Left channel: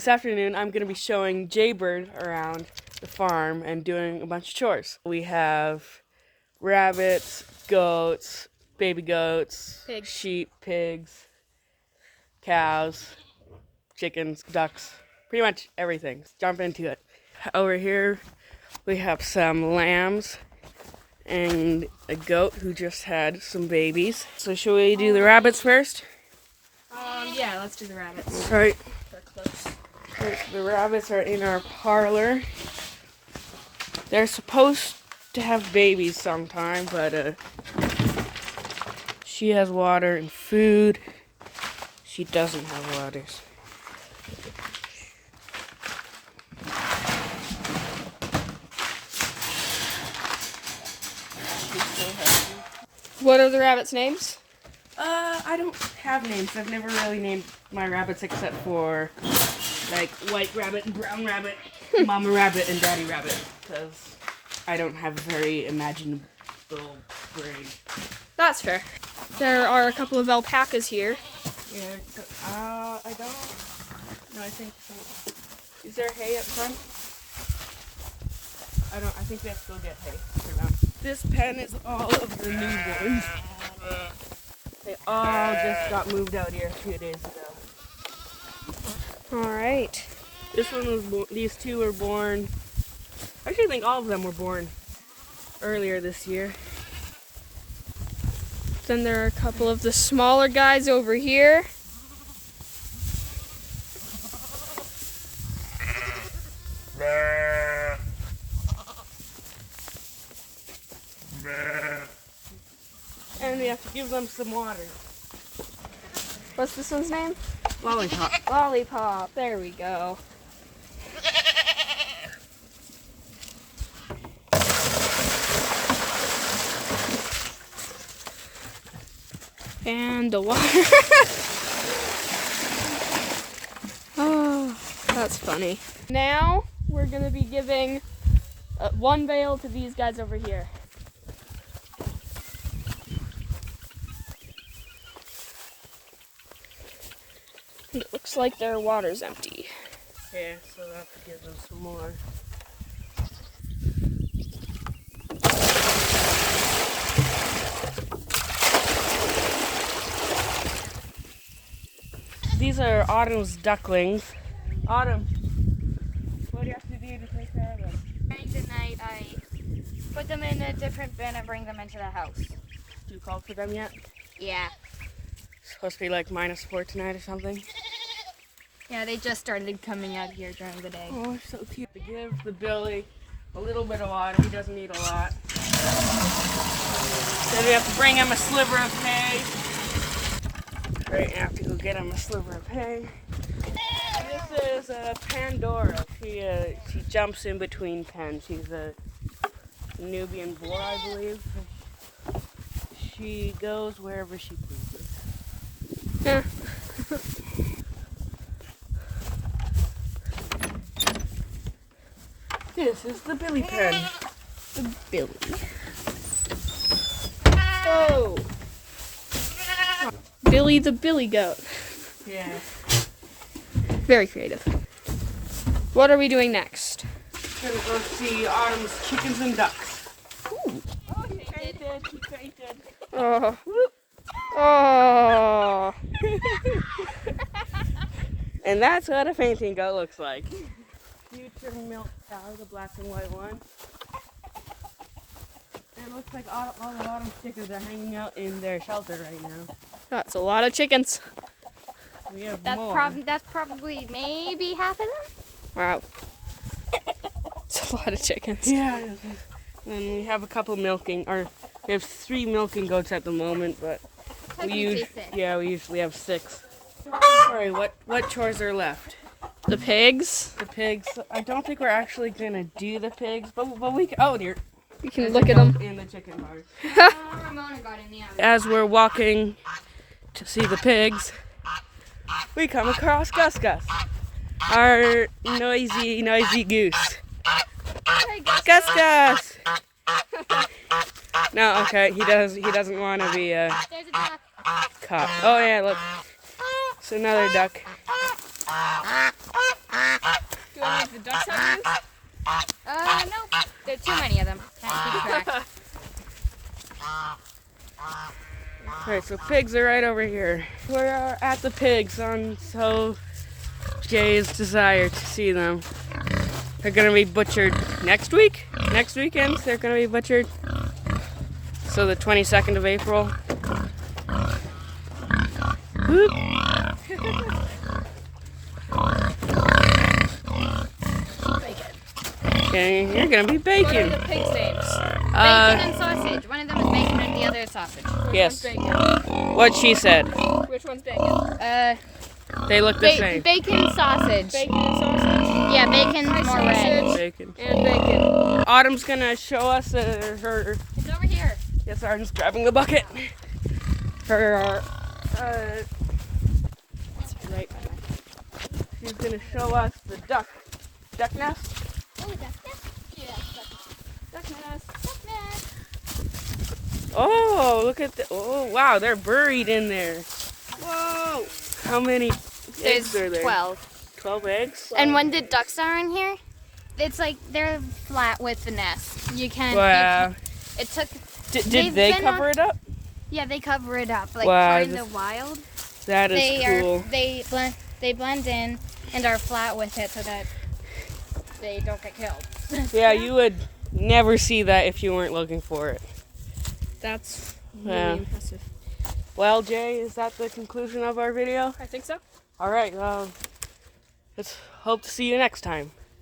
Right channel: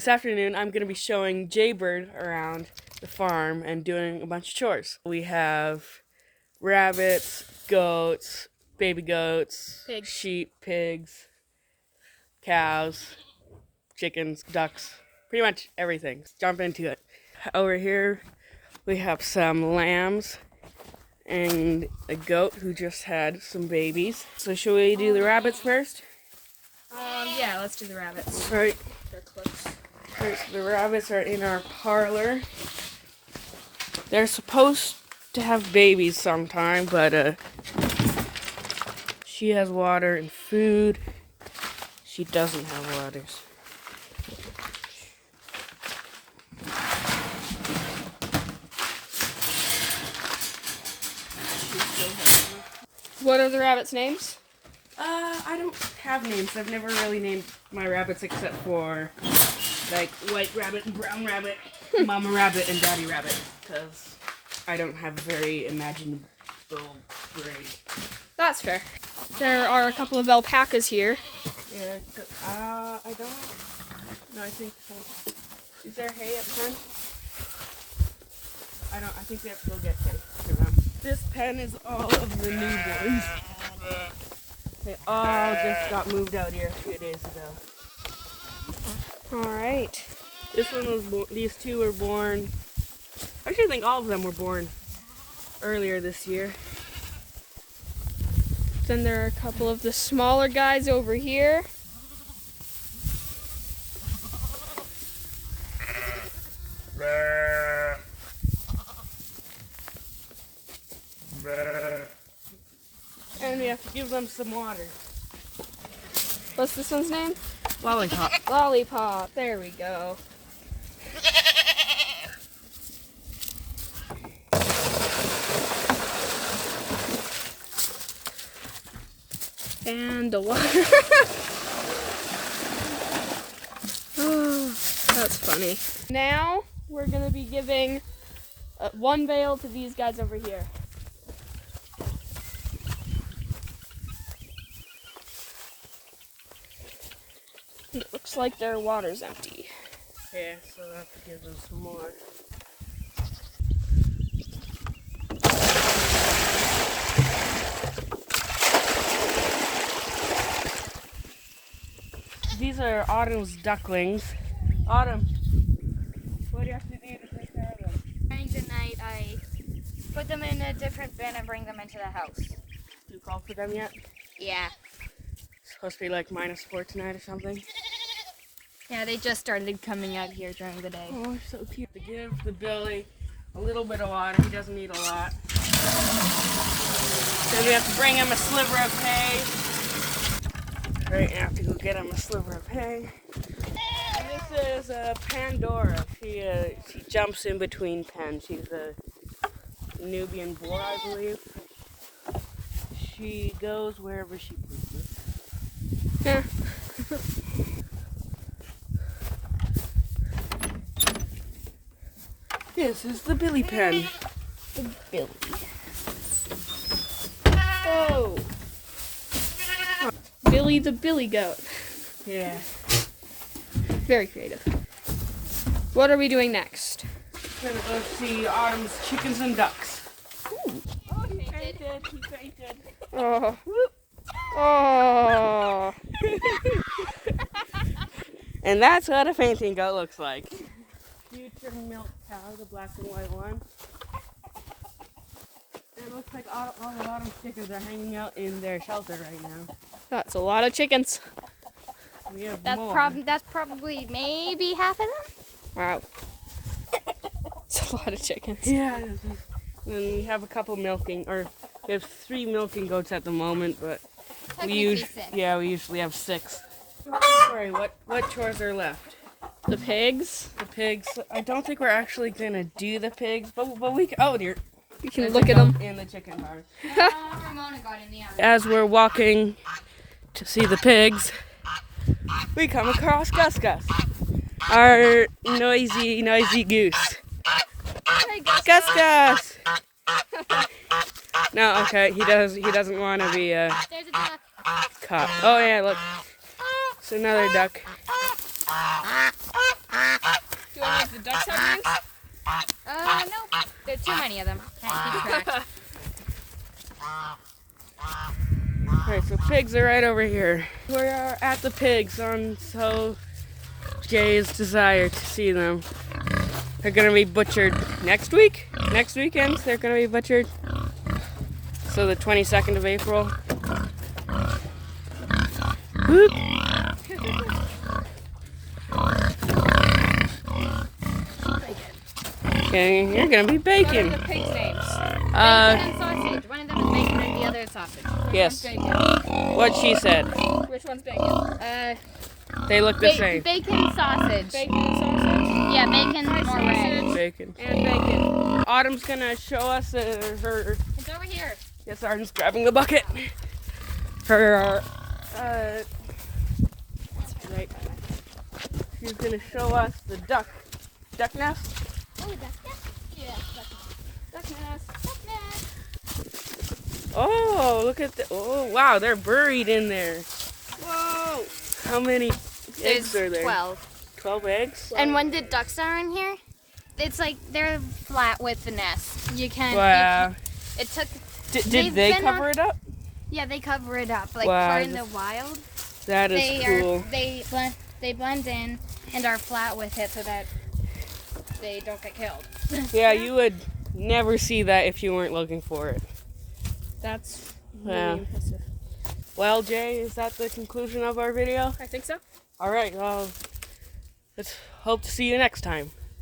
This afternoon, I'm going to be showing Jaybird around the farm and doing a bunch of chores. We have rabbits, goats, baby goats, sheep, pigs, cows, chickens, ducks, pretty much everything. Let's jump into it. Over here, we have some lambs and a goat who just had some babies. So should we do the rabbits first? Yeah, let's do the rabbits. All right. They're close. The rabbits are in our parlor. They're supposed to have babies sometime, but she has water and food. She doesn't have water. What are the rabbits' names? I don't have names. I've never really named my rabbits except for like white rabbit and brown rabbit, mama rabbit and daddy rabbit, because I don't have a very imaginable brain. That's fair. There are a couple of alpacas here. Yeah, I don't. No, I think. Is there hay up front? I think they still get hay. This pen is all of the newborns. They all just got moved out here a few days ago. All right. This one was. These two were born. I actually think all of them were born earlier this year. Then there are a couple of the smaller guys over here. And we have to give them some water. What's this one's name? Lollipop. Lollipop. There we go. And the water. Oh, that's funny. Now we're going to be giving one bale to these guys over here. It looks like their water's empty. Yeah, so I have to give them some more. These are Autumn's ducklings. Autumn, what do you have to do to take care of them? During the night, I put them in a different bin and bring them into the house. Do you call for them yet? Yeah. It's supposed to be like -4 tonight or something. Yeah, they just started coming out here during the day. Oh, so cute. To give the Billy a little bit of water. He doesn't need a lot. Then we have to bring him a sliver of hay. Right, I have to go get him a sliver of hay. And this is Pandora. She jumps in between pens. She's a Nubian boar, I believe. She goes wherever she pleases. Yeah. This is the Billy pen. The Billy. Oh. Billy the Billy Goat. Yeah. Very creative. What are we doing next? We're gonna go see Autumn's chickens and ducks. Ooh. Oh, he fainted. He fainted. Oh. Oh. And that's what a fainting goat looks like. Future milk cow, the black and white one. It looks like all the Autumn chickens are hanging out in their shelter right now. That's a lot of chickens. We have That's more. probably maybe half of them. Wow. It's a lot of chickens. Yeah. And we have a couple milking, or we have 3 milking goats at the moment, but we usually have 6. Sorry, what chores are left? The pigs. The pigs. I don't think we're actually gonna do the pigs, but we can. Oh dear. You can look at them. In the chicken barn. Ramona got in the oven. As we're walking to see the pigs, we come across Gus Gus, our noisy goose. Gus Gus. No, okay, he doesn't want to be There's a duck. caught. Oh yeah, look, it's another duck. Alright, so pigs are right over here. We are at the pigs on so Jay's desire to see them. They're gonna be butchered next week. Next weekend, they're gonna be butchered. So the 22nd of April. Whoop. Okay, you're gonna be What are bacon. the pigs' names? Bacon and sausage. One of them is bacon and the other is sausage. Yes, what she said. Which one's bacon? They look the same. Bacon sausage. Bacon and sausage. Yeah, bacon's more red. Bacon. And bacon. Autumn's gonna show us her. It's over here. Yes, Autumn's grabbing the bucket. Her. She's gonna show us the duck nest. Yeah, That's nice. Oh, look at the. Oh, wow, they're buried in there. Whoa. How many eggs are there? 12. 12 eggs? And when the ducks are in here, it's like they're flat with the nest. You can't. Wow. It took. Did they cover it up? Yeah, they cover it up. Like Wow, for in the wild, That is cool. they blend in and are flat with it so that they don't get killed. Yeah, you would never see that if you weren't looking for it. That's Yeah. really impressive. Well, Jay, is that the conclusion of our video? I think so. All right, let's hope to see you next time.